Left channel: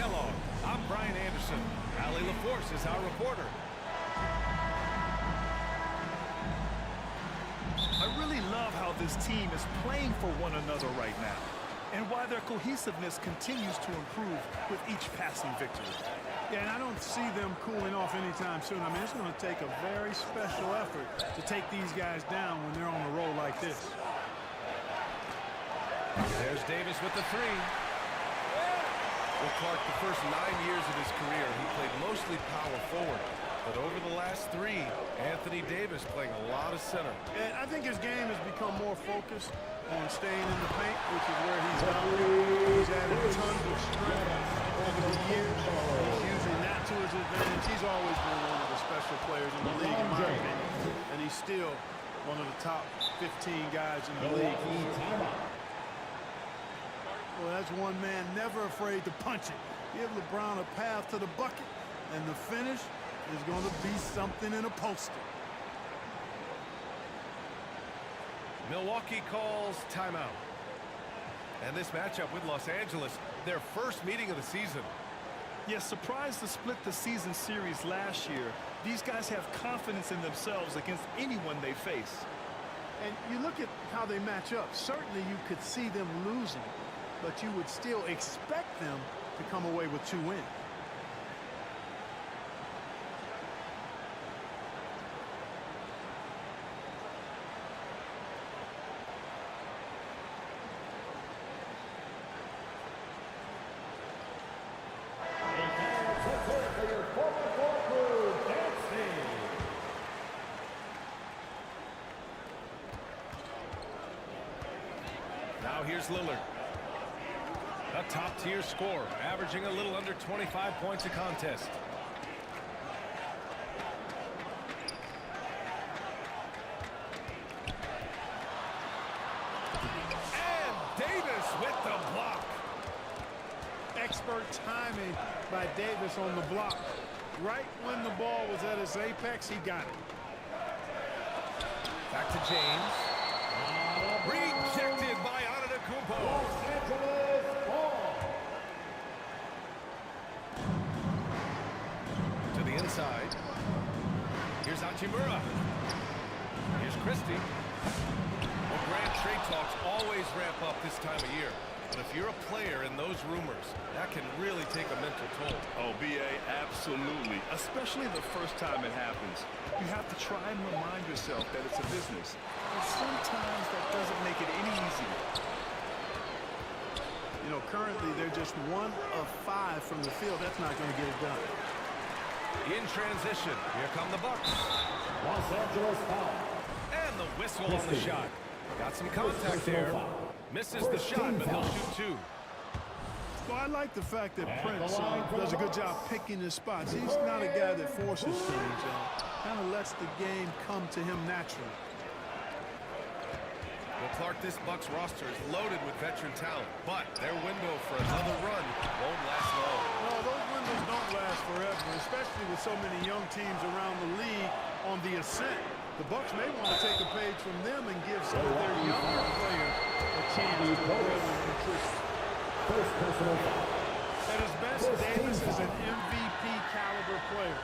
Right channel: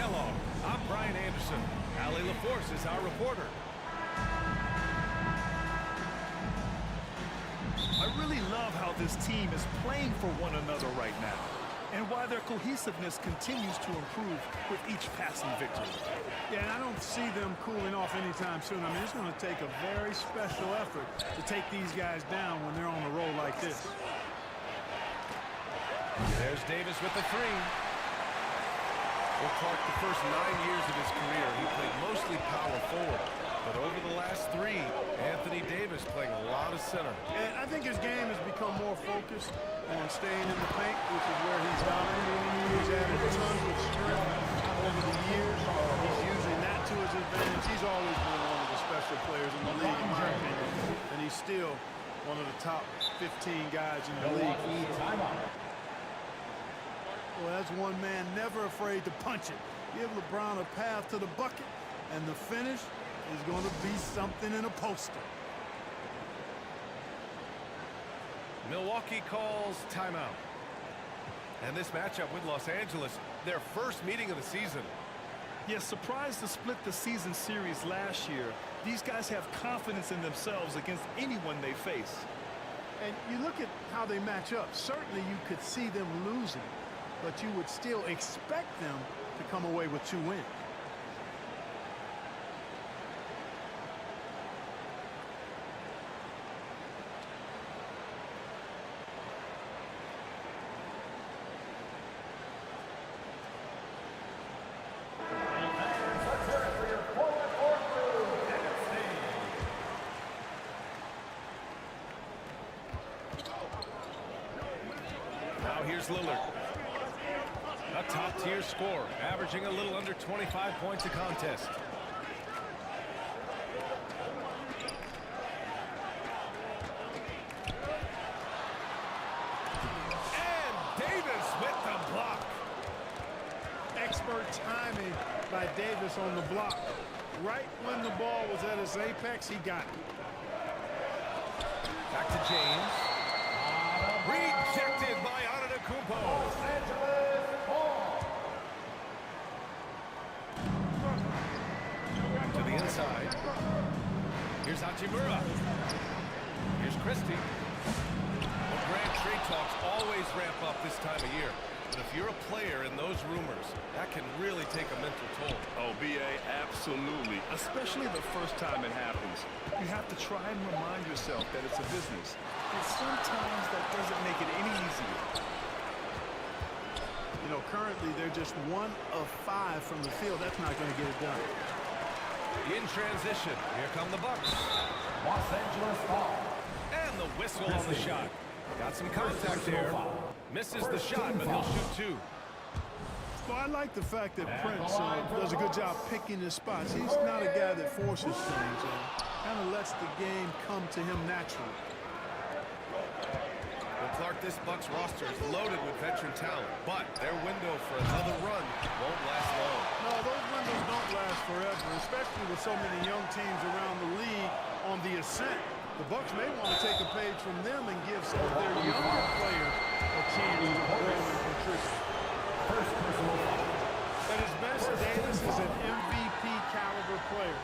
Kellogg. I'm Brian Anderson. Allie LaForce is our reporter. I really love how this team is playing for one another right now, and why their cohesiveness continues to improve with each passing victory. Yeah, and I don't see them cooling off anytime soon. I mean, it's going to take a very special effort to take these guys down when they're on a roll like this. There's Davis with the three. Well, Clark, the first 9 years of his career, he played mostly power forward. But over the last 3, Anthony Davis playing a lot of center. And I think his game has become more focused on staying in the paint, which is where he's dominant. He's added tons of strength over the years. He's using that to his advantage. He's always been one of the special players in the league, in my opinion. And he's still one of the top 15 guys in the league. Well, that's one man never afraid to punch it. Give LeBron a path to the bucket, and the finish is going to be something in a poster. Milwaukee calls timeout. And this matchup with Los Angeles, their first meeting of the season. Yes, surprised to split the season series last year, these guys have confidence in themselves against anyone they face. And you look at how they match up. Certainly you could see them losing, but you would still expect them to come away with 2 wins. Now here's Lillard. A top-tier scorer, averaging a little under 25 points a contest. And Davis with the block. Expert timing by Davis on the block. Right when the ball was at its apex, he got it. Back to James. Rejected by Antetokounmpo. To the inside. Here's Hachimura. Here's Christie. Well, Grant, trade talks always ramp up this time of year. But if you're a player in those rumors, that can really take a mental toll. Oh, B.A., absolutely. Especially the first time it happens. You have to try and remind yourself that it's a business. And sometimes that doesn't make it any easier. You know, currently they're just 1 of 5 from the field. That's not going to get it done. In transition, here come the Bucks. Los Angeles foul. And the whistle on the shot. Got some contact there. Misses the shot, but he'll shoot 2. Well, I like the fact that Prince does a good job picking his spots. He's not a guy that forces things. Kind of lets the game come to him naturally. Well, Clark, this Bucks roster is loaded with veteran talent, but their window for another run won't last long. No, those windows don't last forever, especially with so many young teams around the league on the ascent. The Bucks may want to take a page from them and give some of their younger players a chance to grow and contribute. First personal foul. At his best, Davis is an MVP caliber player.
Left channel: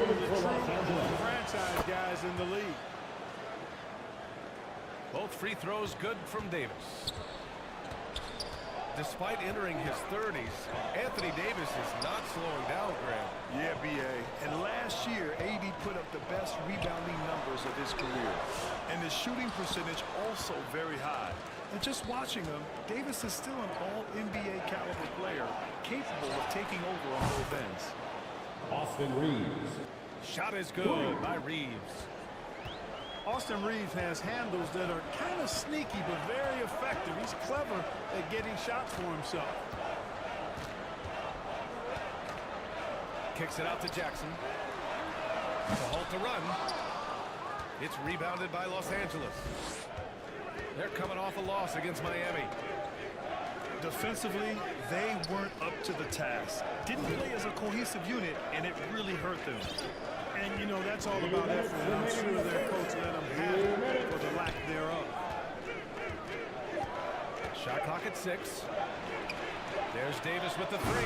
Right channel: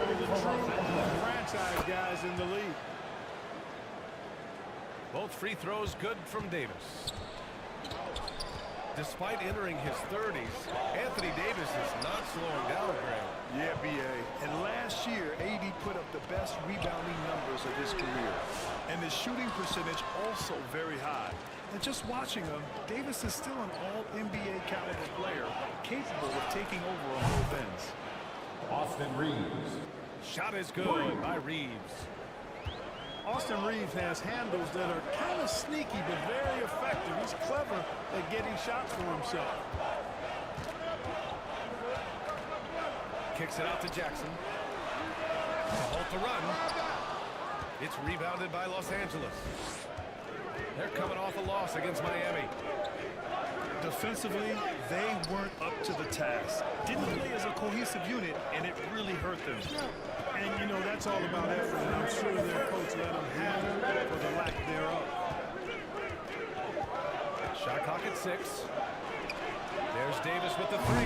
One of the true franchise guys in the league. Both free throws good from Davis. Despite entering his 30s, Anthony Davis is not slowing down, Graham. Yeah, B.A. And last year, A.D. put up the best rebounding numbers of his career. And his shooting percentage also very high. And just watching him, Davis is still an all-NBA caliber player, capable of taking over on both ends. Austin Reeves. Shot is good by Reeves. Austin Reeves has handles that are kind of sneaky but very effective. He's clever at getting shots for himself. Kicks it out to Jackson. To halt the run. It's rebounded by Los Angeles. They're coming off a loss against Miami. Defensively, they weren't up to the task. Didn't play as a cohesive unit, and it really hurt them. And, you know, that's all about effort, and I'm sure their coach let them have it for the lack thereof. Shot clock at 6. There's Davis with the 3.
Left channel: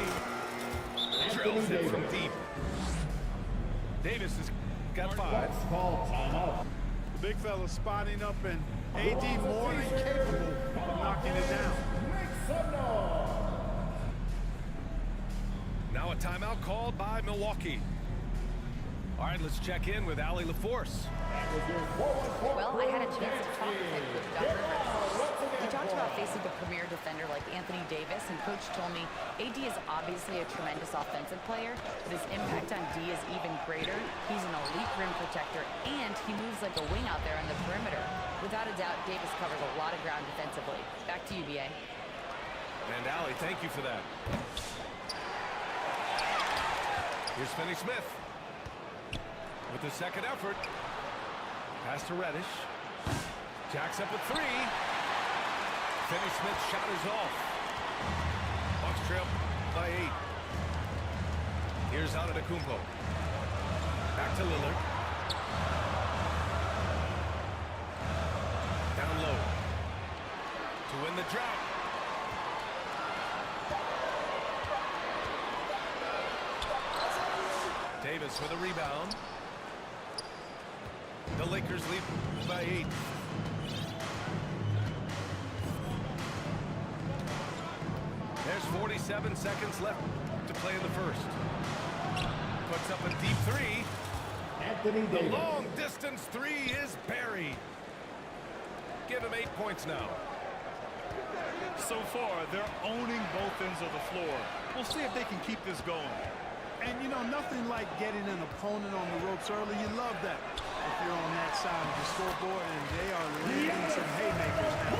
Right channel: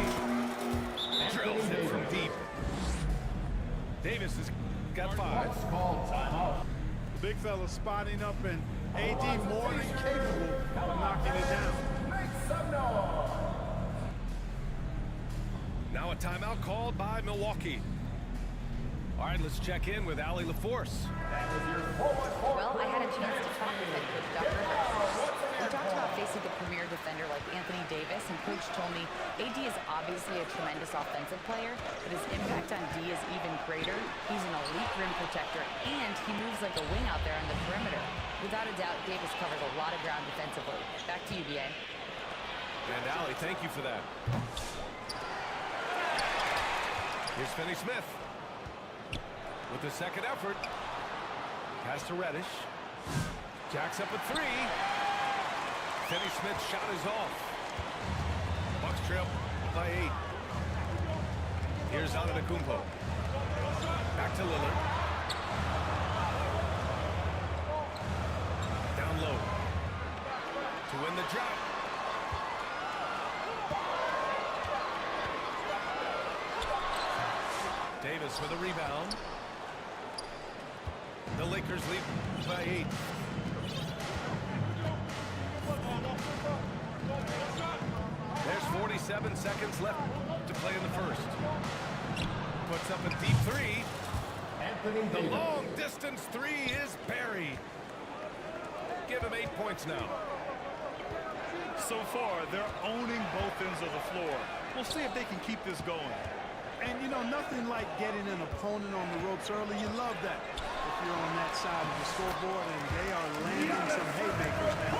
Drills it from deep. Davis has got 5. Refs called timeout. The big fella spotting up, and AD more than capable of knocking it down. Make some noise. Now a timeout called by Milwaukee. All right, let's check in with Allie LaForce. Well, I had a chance to talk with head coach Doc Rivers. We talked about facing a premier defender like Anthony Davis, and coach told me AD is obviously a tremendous offensive player, but his impact on D is even greater. He's an elite rim protector, and he moves like a wing out there on the perimeter. Without a doubt, Davis covers a lot of ground defensively. Back to you, BA. And Allie, thank you for that. Here's Finney-Smith with the second effort. Pass to Reddish. Jacks up a 3. Finney-Smith's shot is off. Bucks trail by 8. Here's Antetokounmpo. Back to Lillard. Down low. To win the drought. Davis with a rebound. The Lakers lead by 8. There's 47 seconds left to play in the first. Puts up a deep 3. Anthony The Davis. long distance 3 is buried. Give him 8 points now. So far, they're owning both ends of the floor. We'll see if they can keep this going. And, you know, nothing like getting an opponent on the ropes early. You love that if you're on that side of the scoreboard, and they are landing some haymakers now.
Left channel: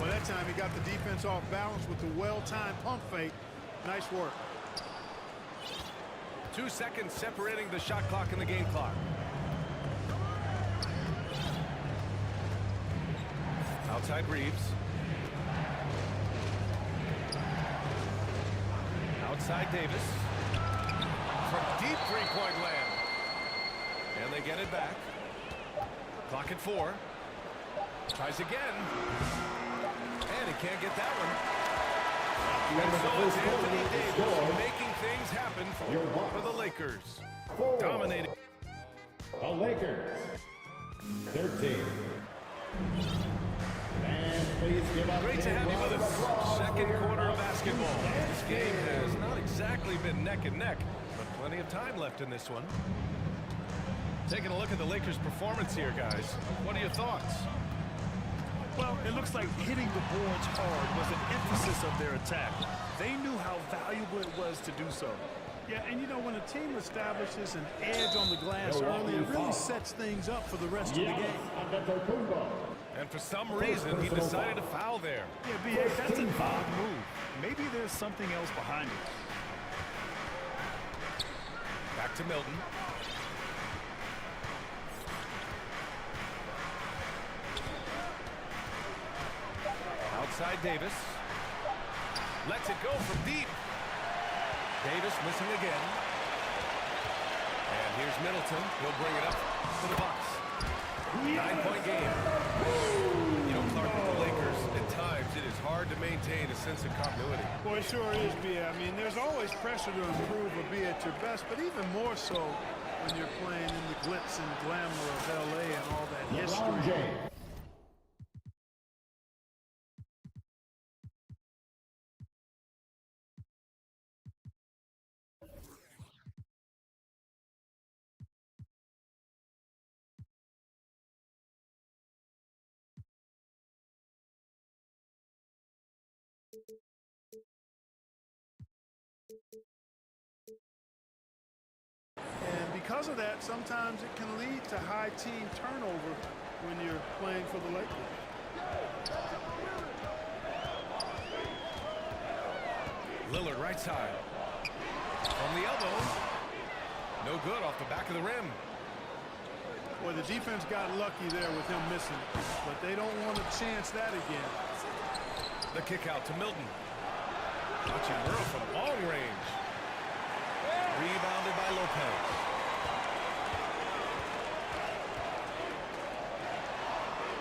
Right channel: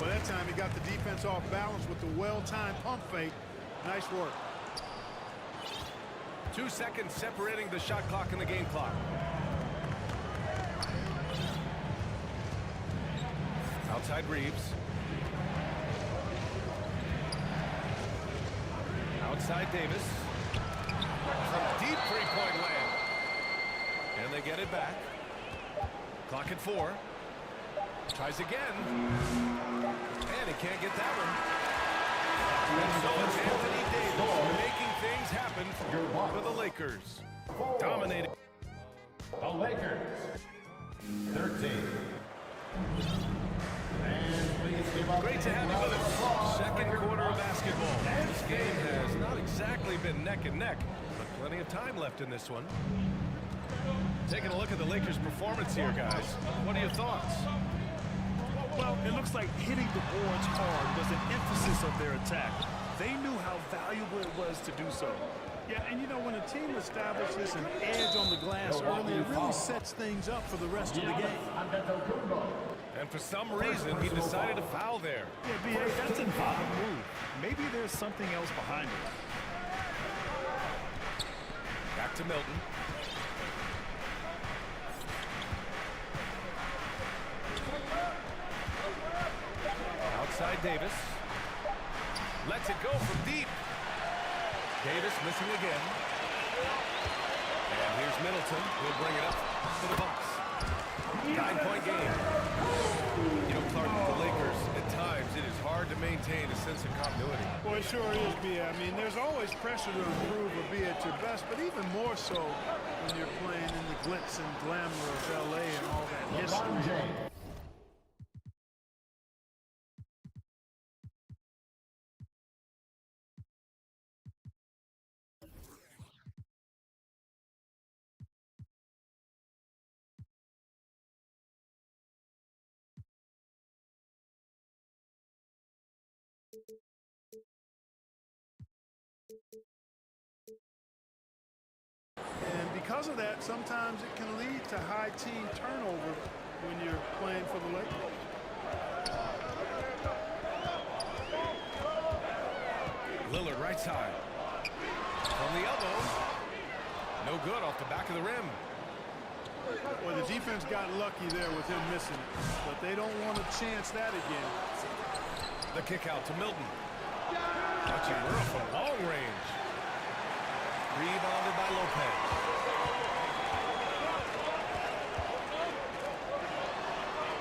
Well, that time he got the defense off balance with the well-timed pump fake. Nice work. 2 seconds separating the shot clock and the game clock. Outside Reeves. Outside Davis. From deep three-point land. And they get it back. Clock at 4. Tries again. And he can't get that one. And so it's Anthony Davis making things happen for the Lakers. Dominating. The Lakers. 13. And please give up. Great to have you with us. Second quarter of basketball. This game has not exactly been neck and neck, but plenty of time left in this one. Taking a look at the Lakers' performance here, guys. What are your thoughts? Well, it looks like hitting the boards hard was an emphasis of their attack. They knew how valuable it was to do so. Yeah, and you know, when a team establishes an edge on the glass early, it really sets things up for the rest of the game. Antetokounmpo. And for some reason, he decided to foul there. Yeah, B.A., that's an odd move. Maybe there's something else behind it. Back to Milton. Outside Davis. Lets it go from deep. Davis missing again. And here's Middleton. He'll bring it up for the Bucks. 9-point game. You know, Clark, with the Lakers, at times it is hard to maintain a sense of continuity. Well, it sure is, B.A. I mean, there's always pressure to improve or be at your best, but even more so when you're playing in the glitz and glamour of L.A. and all that LeBron history. James. And because of that, sometimes it can lead to high team turnover when you're playing for the Lakers. Lillard right side. From the elbow. No good off the back of the rim. Well, the defense got lucky there with him missing it, but they don't want to chance that again. The kick out to Milton. Hachimura from long range. Rebounded by Lopez.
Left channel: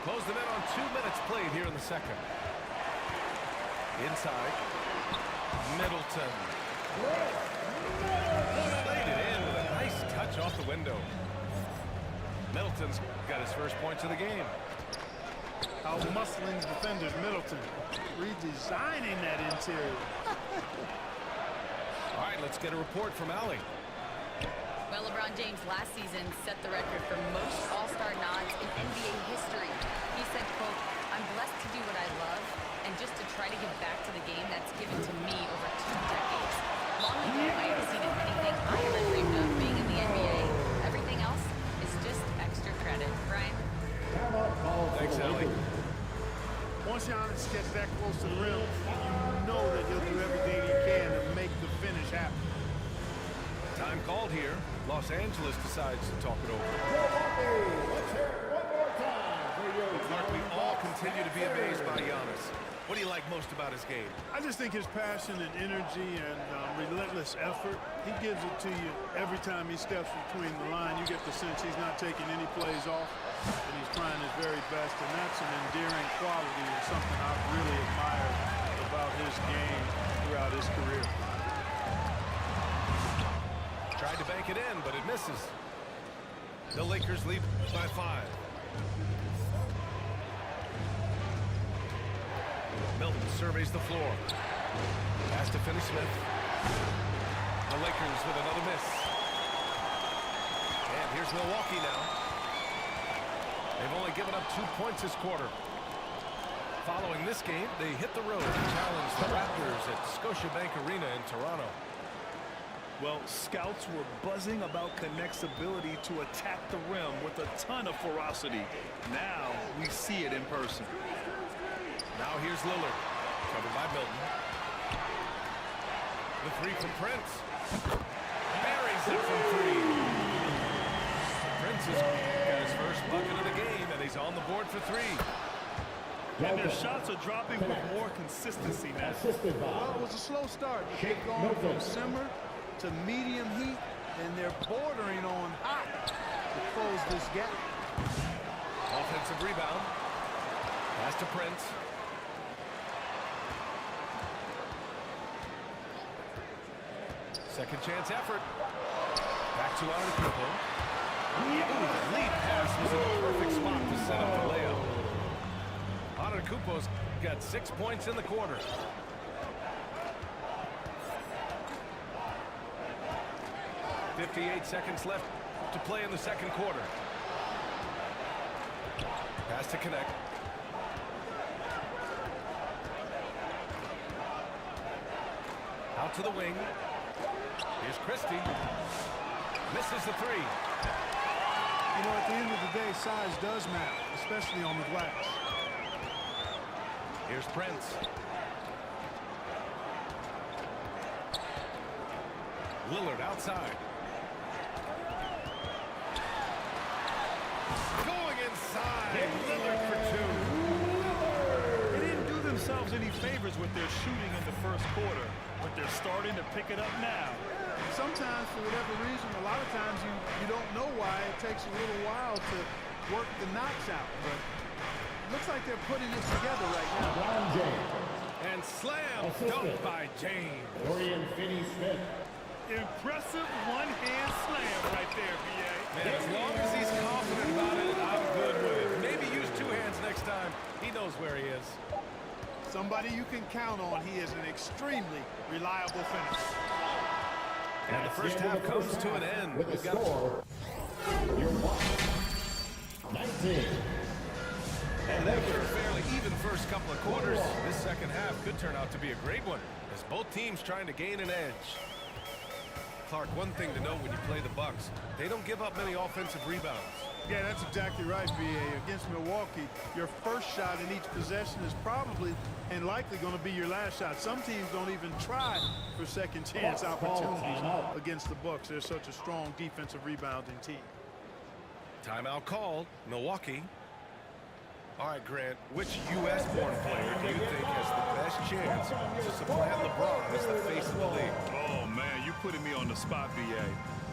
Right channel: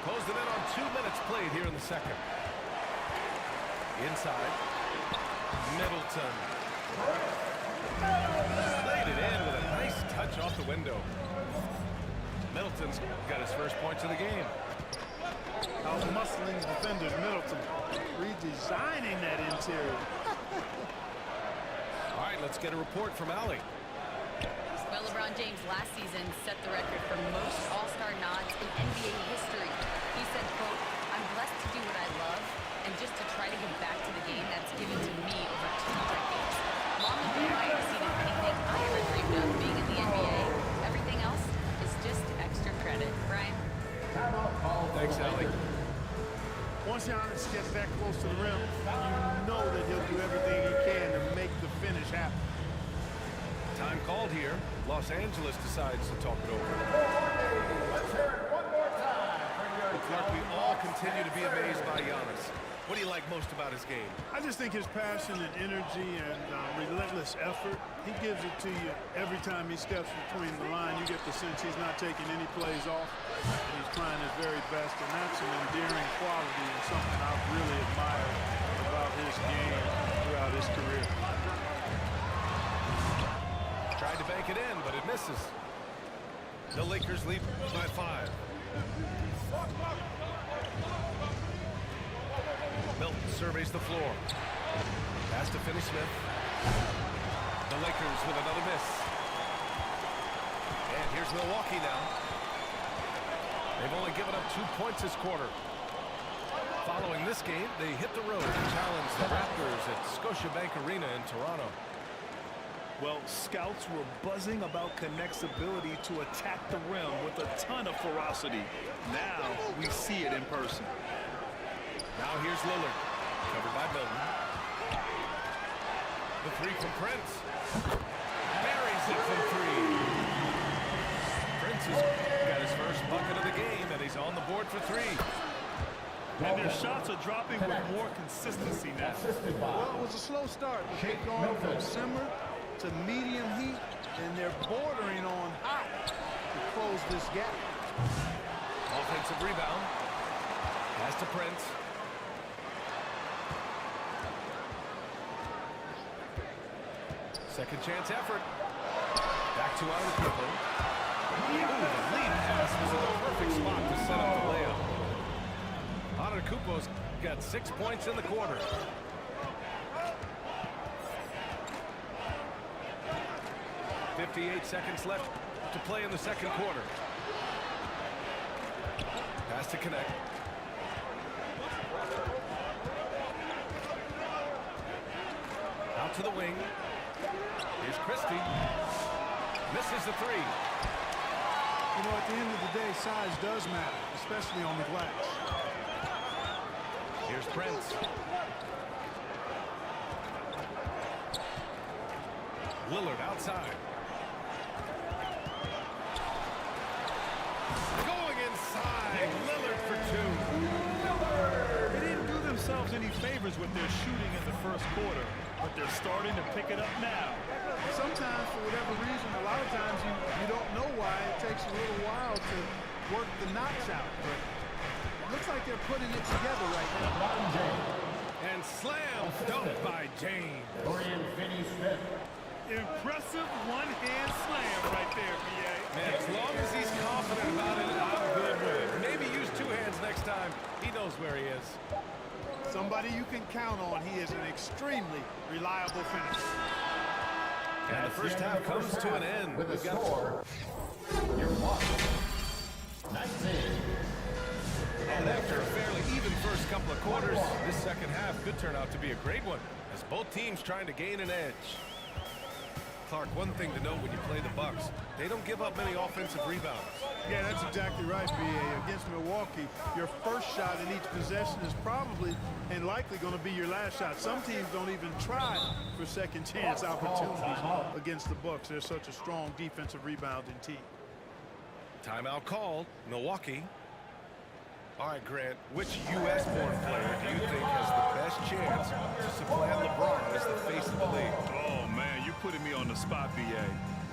Closed it in on 2 minutes played here in the second. Inside. Middleton. Laid it in with a nice touch off the window. Middleton's got his first points of the game. Out-muscling defenders, Middleton. Redesigning that interior. All right, let's get a report from Allie. Well, LeBron James last season set the record for most All-Star nods in NBA history. He said, quote, "I'm blessed to do what I love and just to try to give back to the game that's given to me over 2 decades. Long ago, I exceeded anything I ever dreamed of being in the NBA. Everything else is just extra credit." Brian? Thanks, Allie. Once Giannis gets that close to the rim, you know that he'll do everything he can to make the finish happen. Time called here. Los Angeles decides to talk it over. Let's hear it one more time for your Clark, we all continue to be amazed by Giannis. What do you like most about his game? I just think his passion and energy and relentless effort, he gives it to you every time he steps between the line. You get the sense he's not taking any plays off, and he's trying his very best, and that's an endearing quality and something I've really admired about his game throughout his career. Tried to bank it in, but it misses. The Lakers lead by 5. Milton surveys the floor. Pass to Finney-Smith. The Lakers with another miss. And here's Milwaukee now. They've only given up 2 points this quarter. Following this game, they hit the road to challenge the Raptors at Scotiabank Arena in Toronto. Well, scouts were buzzing about Connect's ability to attack the rim with a ton of ferocity. Now we see it in person. Now here's Lillard, covered by Milton. The 3 from Prince. Buries it from 3. Prince has got his first bucket of the game, and he's on the board for 3. And their shots are dropping with more consistency now. Well, it was a slow start, but they've gone from simmer to medium heat, and they're bordering on hot to close this gap. Offensive rebound. Pass to Prince. Second chance effort. Back to Antetokounmpo. Ooh, the lead pass was in the perfect spot to set up the layup. Antetokounmpo's got 6 points in the quarter. .58 seconds left to play in the second quarter. Pass to Connect. Out to the wing. Here's Christie. Misses the 3. You know, at the end of the day, size does matter, especially on the glass. Here's Prince. Lillard outside. Going inside. Lillard for 2. They didn't do themselves any favors with their shooting in the first quarter, but they're starting to pick it up now. Sometimes, for whatever reason, a lot of times you don't know why. It takes a little while to work the knots out, but it looks like they're putting it together right now. LeBron James. And slam dunk by James. Dorian Finney-Smith. Impressive one-hand slam right there, B.A. Man, as long as he's confident about it, I'm good with it. Maybe use 2 hands next time. He knows where he is. Somebody you can count on. He is an extremely reliable finisher. And the first half comes to an end. With a We've got score, you're 19. And after a fairly even first couple of quarters, this second half could turn out to be a great one, as both teams trying to gain an edge. Clark, one thing to note when you play the Bucks, they don't give up many offensive rebounds. Yeah, that's exactly right, B.A. Against Milwaukee, your first shot in each possession is probably and likely going to be your last shot. Some teams don't even try for second chance opportunities against the Bucks. They're such a strong defensive rebounding team. Timeout called. Milwaukee. All right, Grant, which U.S.-born player do you think has the best chance to supplant LeBron as the face of the league? Oh, man, you're putting me on the spot, B.A.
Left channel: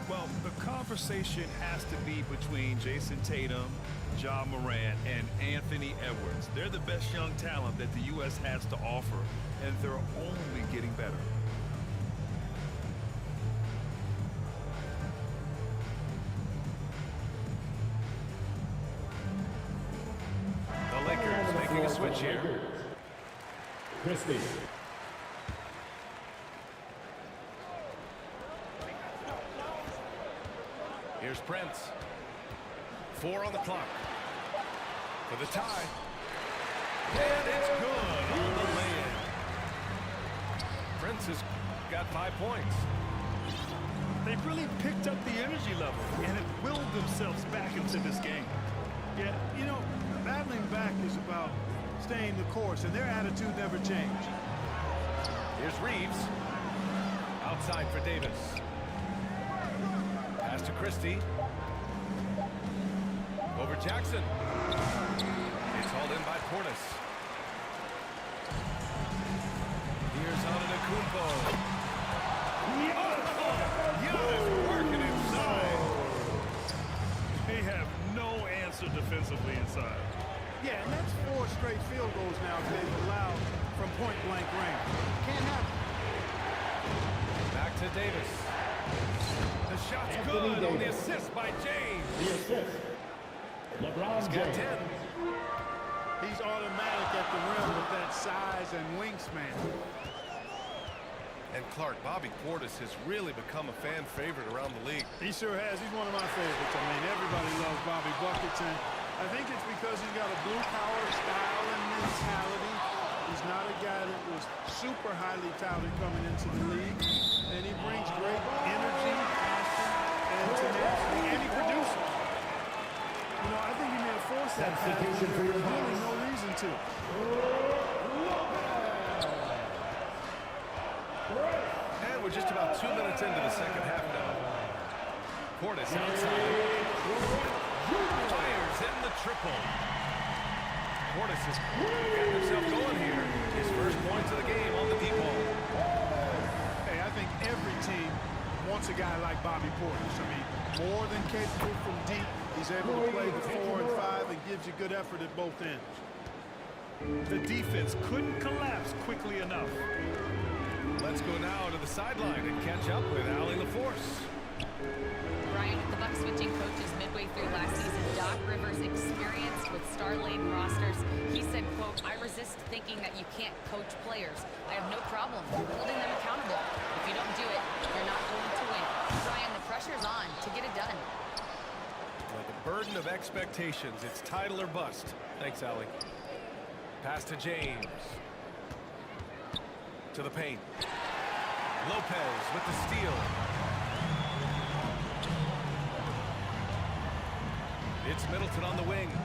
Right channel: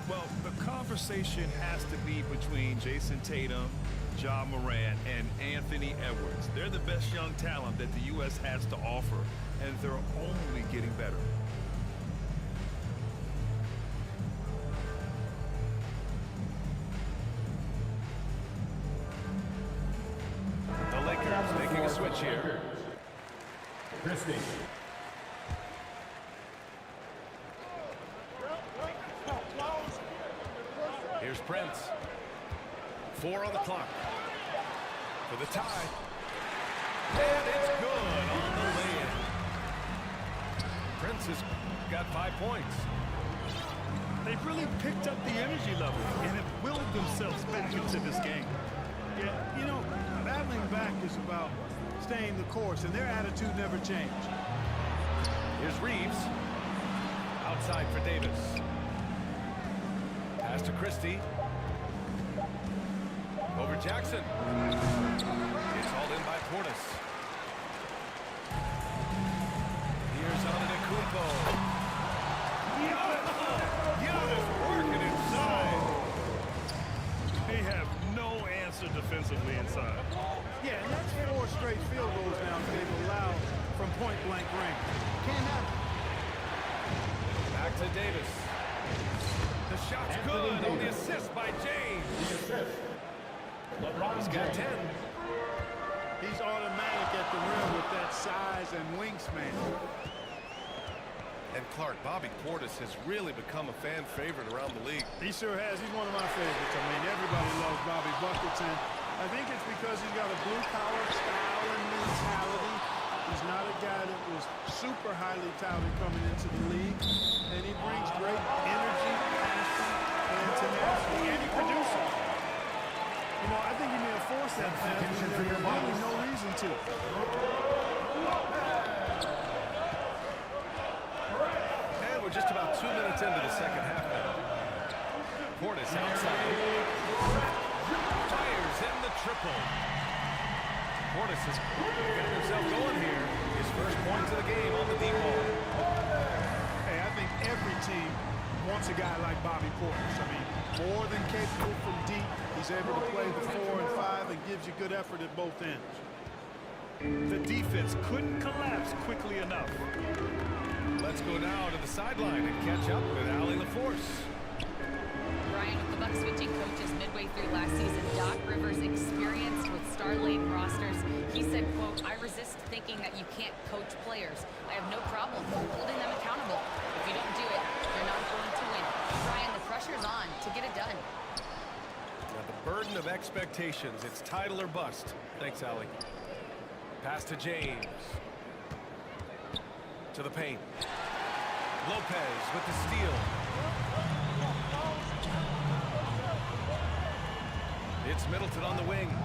Well, the conversation has to be between Jason Tatum, Ja Morant, and Anthony Edwards. They're the best young talent that the U.S. has to offer, and they're only getting better. switch here. Christie. Here's Prince. 4 on the clock. For the tie. And it's good on the lay-in. Prince has got 5 points. They've really picked up the energy level and have willed themselves back into this game. Yeah, you know, battling back is about staying the course, and their attitude never changed. Here's Reeves. Outside for Davis. Pass to Christie. Over Jackson. It's hauled in by Portis. Here's Antetokounmpo. Giannis working inside. They have no answer defensively inside. Yeah, and that's 4 straight field goals now they've allowed from point-blank range. Can't happen. Back to Davis. The shot's good on the assist by James. The assist. LeBron He's got James. 10. He's automatic at the rim with that size and wingspan. And Clark, Bobby Portis has really become a fan favorite around the league. He sure has. He's one of my favorites. I mean, everybody loves Bobby Buckets, and I think it's because he's got a blue-collar style and mentality. He's not a guy that was super highly touted coming into the league, and he brings great energy, passion, and tenacity, and he produces. You know, I think he may have forced that pass when there was really no reason to. And we're just about 2 minutes into the second half now. Portis outside. Fires in the triple. Portis has got himself going here. His first points of the game on the deep ball. Hey, I think every team wants a guy like Bobby Portis. I mean, more than capable from deep. He's able to play the 4 and 5 and gives you good effort at both ends. The defense couldn't collapse quickly enough. Let's go now to the sideline and catch up with Allie LaForce. Brian, with the Bucks switching coaches midway through last season, Doc Rivers' experience with star-laden rosters, he said, quote, "I resist thinking that you can't coach players. I have no problem holding them accountable. If you don't do it, you're not going to win." Brian, the pressure's on to get it done. Now the burden of expectations, it's title or bust. Thanks, Allie. Pass to James. To the paint. Lopez with the steal. It's Middleton on the wing.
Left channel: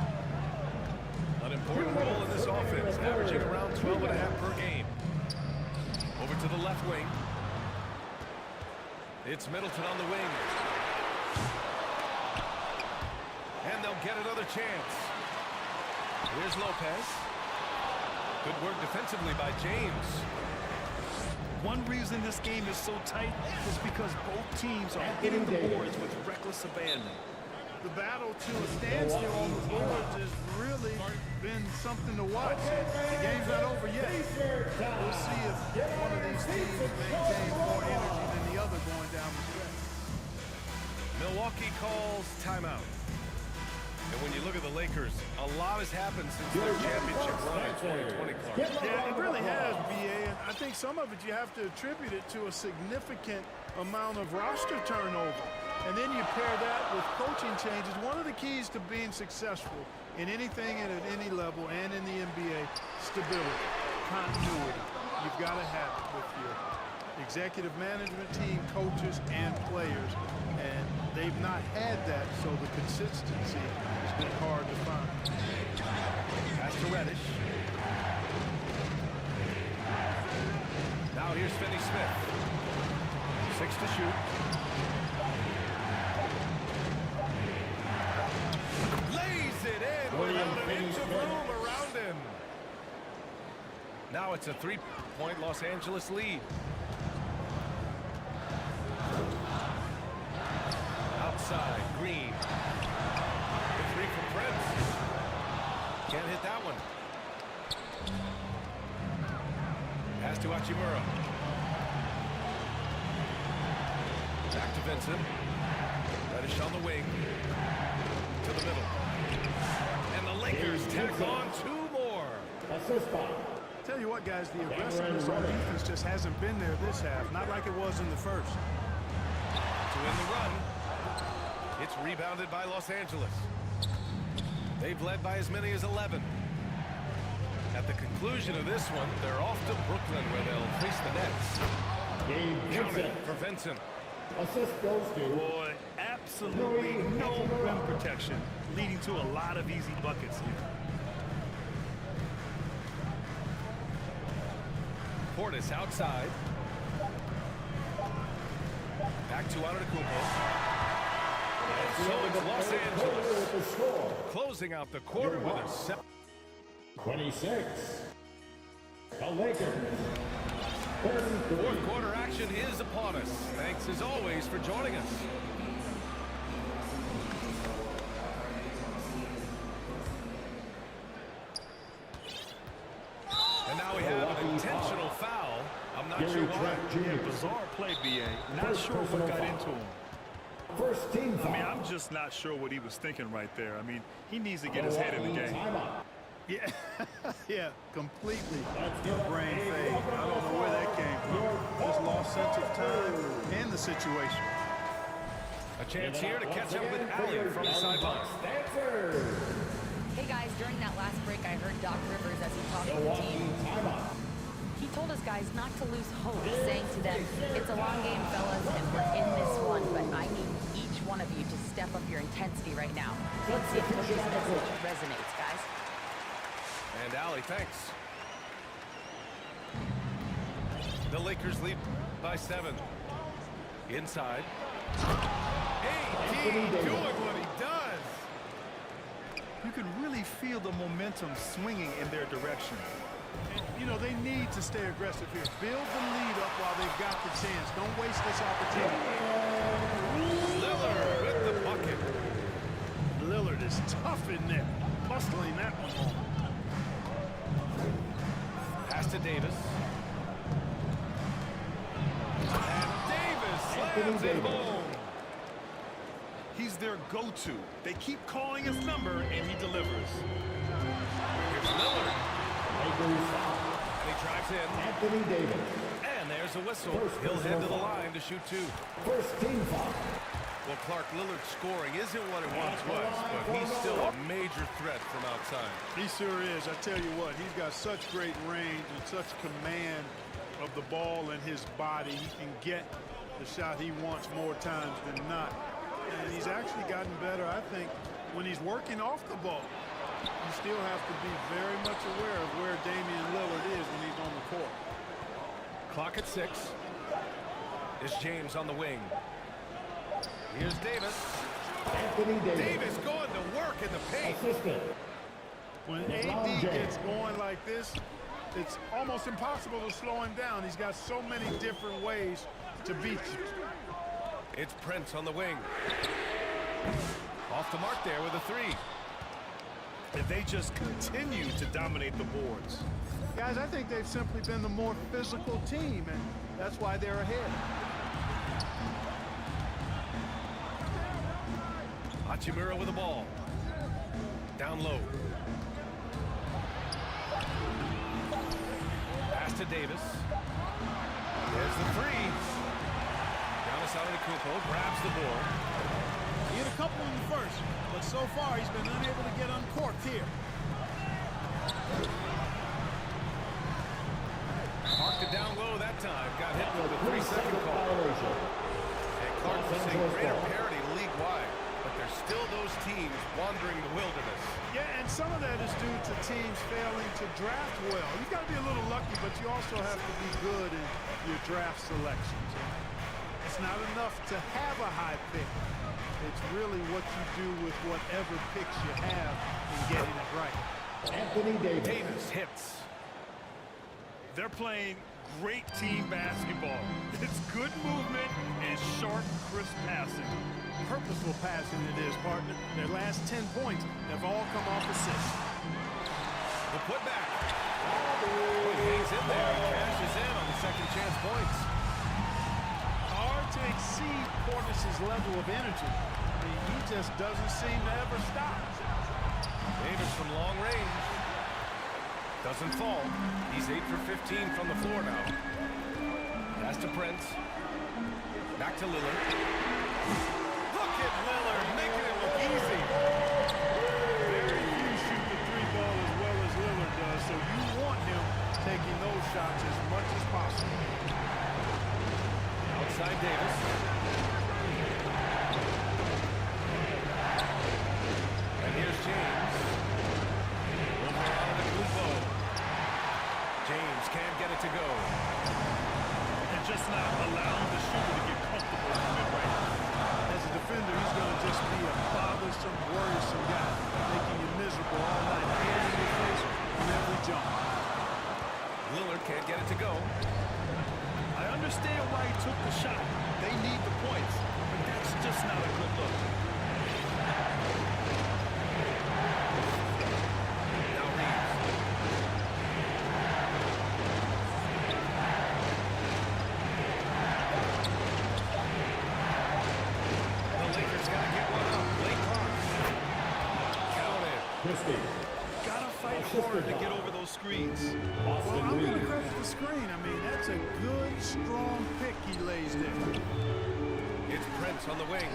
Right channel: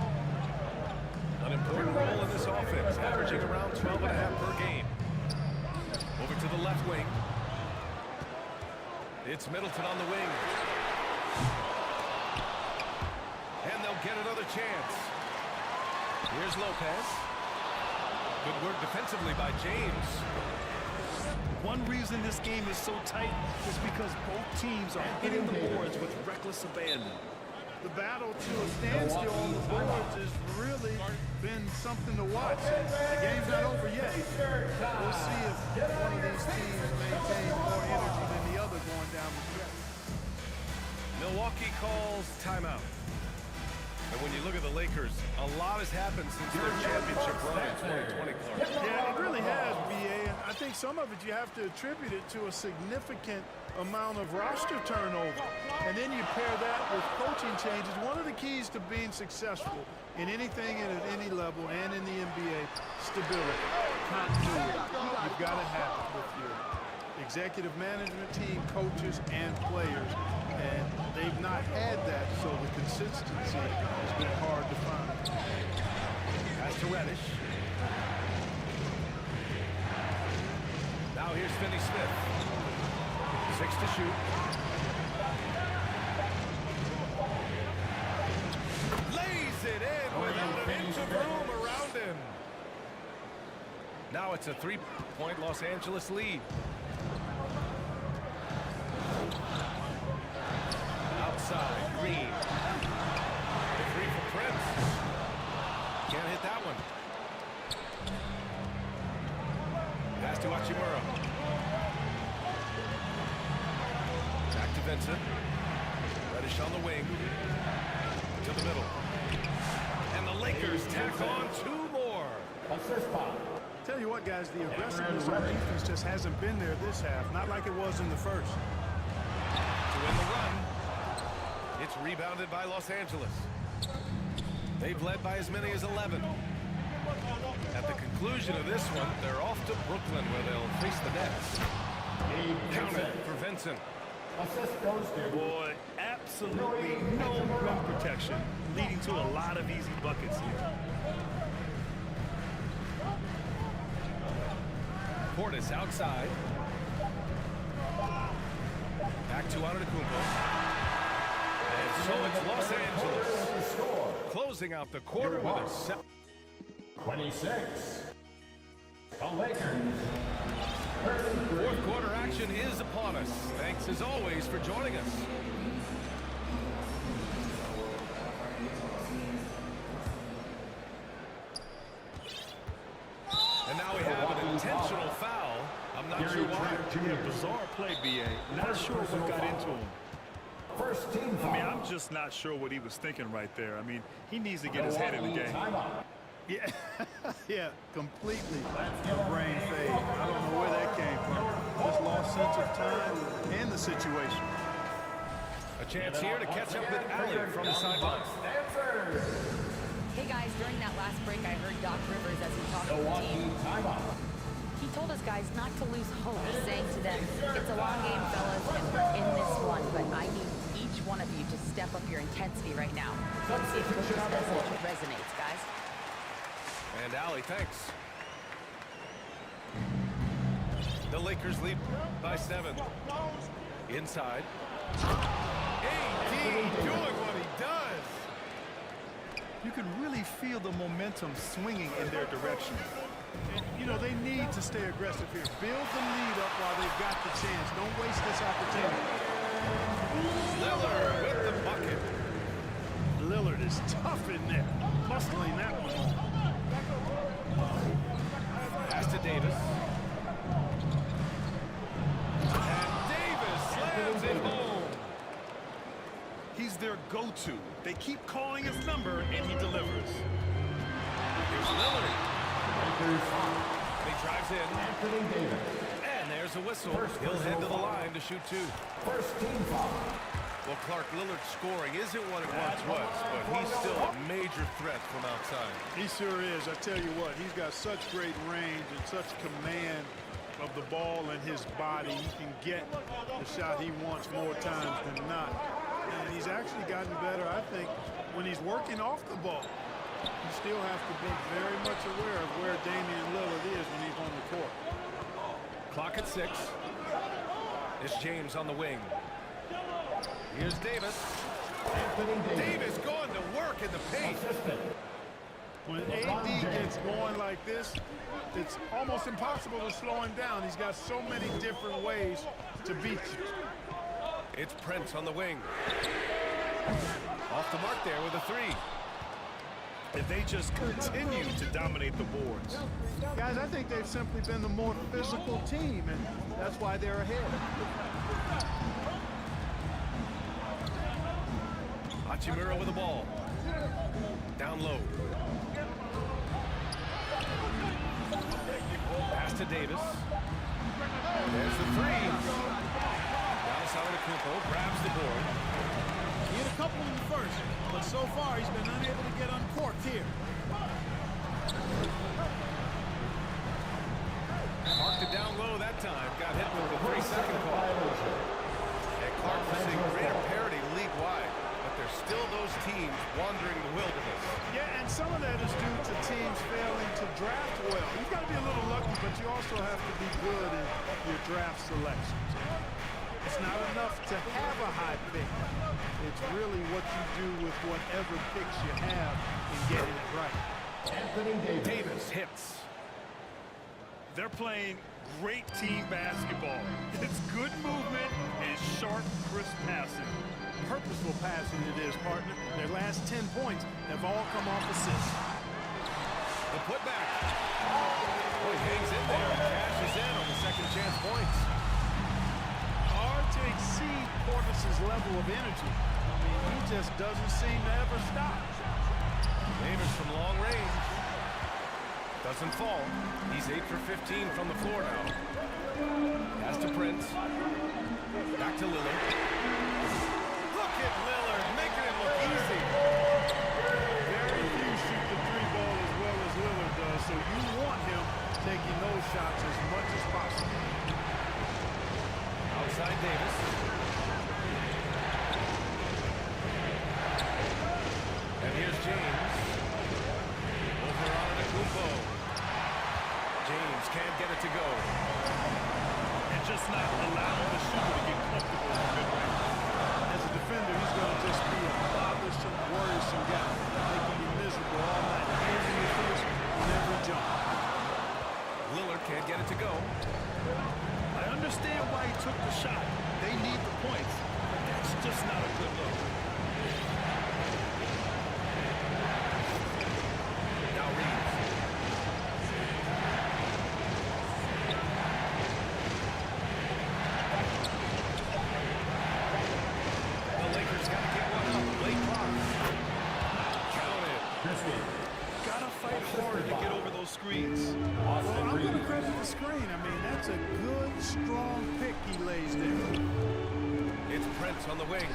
An important role in this offense, averaging around 12.5 per game. Over to the left wing. It's Middleton on the wing. And they'll get another chance. Here's Lopez. Good work defensively by James. One reason this game is so tight is because both teams are hitting the boards with reckless abandon. The battle to a standstill on the boards has really been something to watch. And the game's not over yet. We'll see if one of these teams maintains more energy than the other going down the stretch. Milwaukee calls timeout. And when you look at the Lakers, a lot has happened since their championship run in 2020, Clark. Yeah, it really has, BA, and I think some of it you have to attribute it to a significant amount of roster turnover. And then you pair that with coaching changes. One of the keys to being successful in anything and at any level and in the NBA, stability, continuity. You've got to have it with your executive management team, coaches, and players. And they've not had that, so the consistency has been hard to find. Pass to Reddish. Now here's Finney-Smith. 6 to shoot. Lays it in without an inch of room around him. Now it's a 3-point Los Angeles lead. Outside, Green. The 3 from Prince. Can't hit that one. Pass to Hachimura. Back to Vincent. Reddish on the wing. To the middle. And the Lakers tack on 2 more. Assist by. Tell you what, guys, the aggressiveness on defense just hasn't been there this half. Not like it was in the first. To win the run, it's rebounded by Los Angeles. They've led by as many as 11. At the conclusion of this one, they're off to Brooklyn, where they'll face the Nets. Count it for Vincent. Assist goes to. Boy, absolutely no rim protection, leading to a lot of easy buckets here. Portis outside. Back to Antetokounmpo. And so it's Los Angeles closing out the quarter with a 26. The Lakers. fourth quarter action is upon us. Thanks as always for joining us. And now we have an intentional foul. I'm not sure why. Yeah, bizarre play, B.A. Not sure what got into him. First team foul. I mean, I'm just not sure what he was thinking right there. I mean, he needs to get his head in the game. Timeout. Yeah, yeah, completely a brain fade. I don't know where that came from. Just lost sense of time and the situation. A chance here to catch up with Allie from the sideline. Hey guys, during that last break, I heard Doc Rivers as he talked to the Milwaukee team. timeout. He told us guys not to lose hope, saying to them, it's a long game, fellas, and we're in this one, but I need each one of you to step up your intensity right now. Let's see if Coach's message resonates, guys. And Allie, thanks. The Lakers lead by 7. Inside. AD doing what he does. You can really feel the momentum swinging in their direction. And, you know, they need to stay aggressive here. Build the lead up while they've got the chance. Don't waste this opportunity. Lillard with the bucket. Lillard is tough in there, muscling that one home. Pass to Davis. And Davis slams it home. He's their go-to. They keep calling his number, and he delivers. Here's Lillard. Lakers foul. And he drives in. Anthony Davis. And there's a whistle. First He'll head to the personal foul. line to shoot 2. First team foul. Well, Clark, Lillard's scoring isn't what it once was, but he's still a major threat from outside. He sure is. I tell you what, he's got such great range and such command of the ball and his body. He can get the shot he wants more times than not. And he's actually gotten better, I think, when he's working off the ball. You still have to be very much aware of where Damian Lillard is when he's on the court. Clock at 6. It's James on the wing. Here's Davis. Anthony Davis. Davis going to work in the paint. Assistant. When LeBron AD James. gets going like this, it's almost impossible to slow him down. He's got so many different ways to beat you. It's Prince on the wing. Off the mark there with a 3. If they just continue to dominate the boards. Guys, I think they've simply been the more physical team, and that's why they're ahead. Hachimura with the ball. Down low. Pass to Davis. There's the 3. Giannis Antetokounmpo grabs the board. He hit a couple in the first, but so far he's been unable to get uncorked here. Marked it down low that time. Got hit with the 3-second call. And Clark was seeing greater parity league-wide, but there's still those teams wandering the wilderness. Yeah, and some of that is due to teams failing to draft well. You've got to be a little lucky, but you also have to be good in your draft selections. It's not enough to have a high pick. It's really what you do with whatever picks you have in getting it right. Anthony Davis. Davis hits. They're playing great team basketball. It's good movement and sharp, crisp passing. Purposeful passing it is, partner. Their last 10 points have all come off assists. The putback. Oh, he hangs in there and cashes in on the second chance points. Hard to exceed Portis's level of energy. I mean, he just doesn't seem to ever stop. Davis from long range. Doesn't fall. He's 8 for 15 from the floor now. Pass to Prince. Back to Lillard. Look at Lillard making it look easy. Very few shoot the three ball as well as Lillard does, so you want him taking those shots as much as possible. Outside Davis. And here's James. Over on the Kumpo. James can't get it to go. And just not allowing the shooter to get comfortable in the mid-range. As a defender, he's going to just be a bothersome, worrisome guy, making you miserable all night, hands in your face on every jump. Lillard can't get it to go. I understand why he took the shot. They need the points, but that's just not a good look. Now Reeves. The Lakers got to get one up. Late clock. Count it. Gotta fight harder to get over those screens. Well, I'm going to credit the screen. I mean, that's a good, strong pick he lays there. It's Prince on the wing.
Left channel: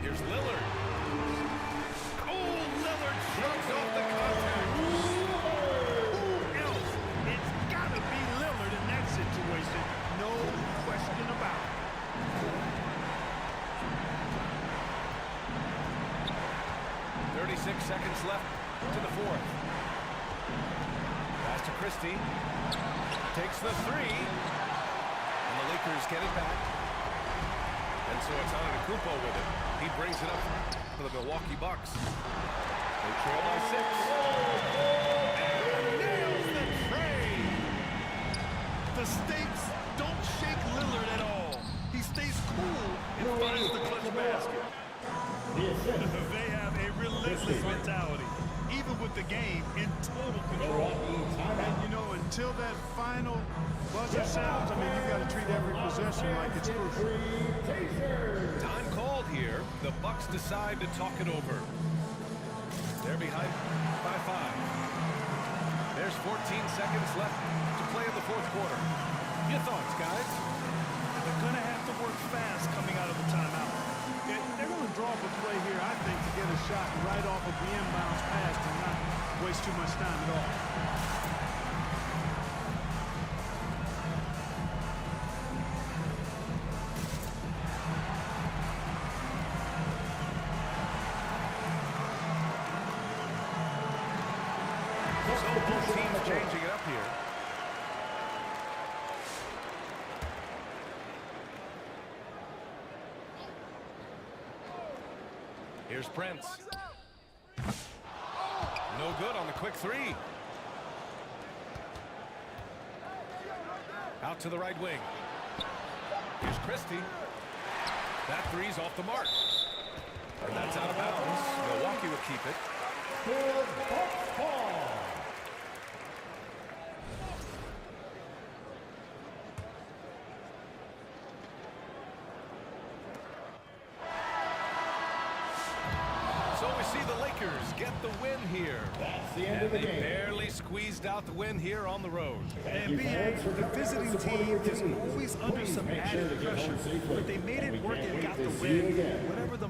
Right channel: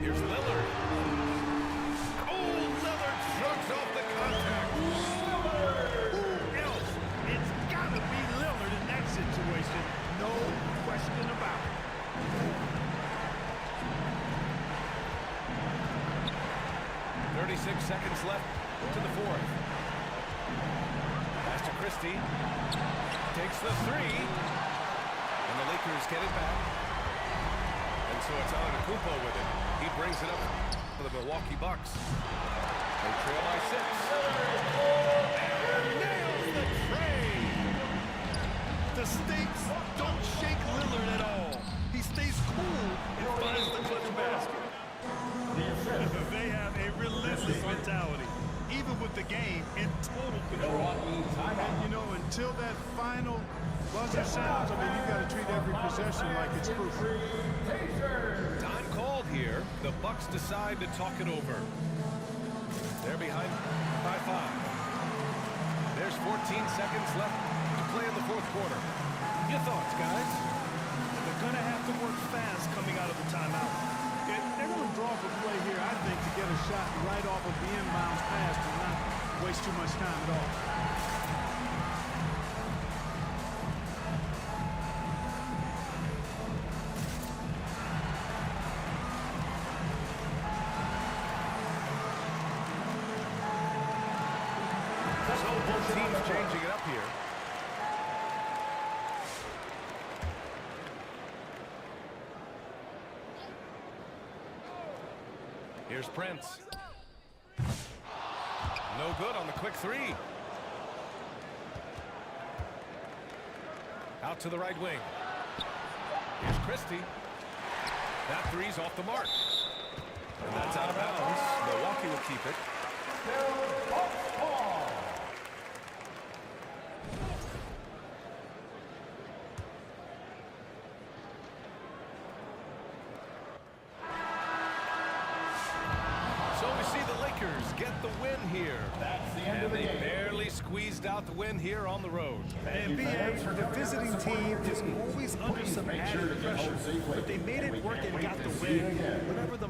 Here's Lillard. Oh, Lillard shrugs off the contact. Who else? It's got to be Lillard in that situation. No question about it. .36 seconds left to the fourth. Pass to Christie. Takes the three. And the Lakers get it back. And so it's Antetokounmpo with it. He brings it up for the Milwaukee Bucks. They trail by 6. And nails the tray. The stakes don't shake Lillard at all. He stays cool and finds the clutch basket. They have a relentless mentality, even with the game in total control. And, you know, until that final buzzer sounds, I mean, you've got to treat every possession like it's crucial. Time called here. The Bucks decide to talk it over. They're behind by 5. There's 14 seconds left to play in the fourth quarter. Your thoughts, guys? They're going to have to work fast coming out of the timeout. They're going to draw up a play here, I think, to get a shot right off of the inbounds pass and not waste too much time at all. So both teams changing it up here. Here's Prince. No good on the quick three. Out to the right wing. Here's Christie. That three's off the mark. And that's out of bounds. Milwaukee will keep it. Still Bucks ball. So we see the Lakers get the win here. That's the end And of the they game. barely squeezed out the win here on the road. And BA, the visiting team is always under some added pressure, but they made it work and got the win. Whatever the